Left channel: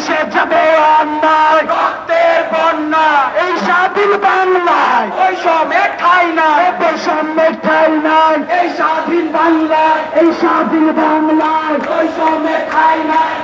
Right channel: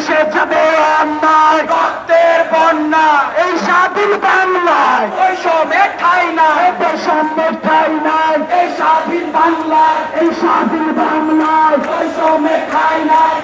ভেসে যাবে অন্যায় রক্তের বন্যা, এই স্বাধীন বাংলায়। বৈষম্যের ঠাই নাই। বৈষম্যের ঠাই নাই। এই স্বাধীন বাংলায়, এই স্বাধীন বাংলায়। ওই বৈষম্যের ঠাই নাই।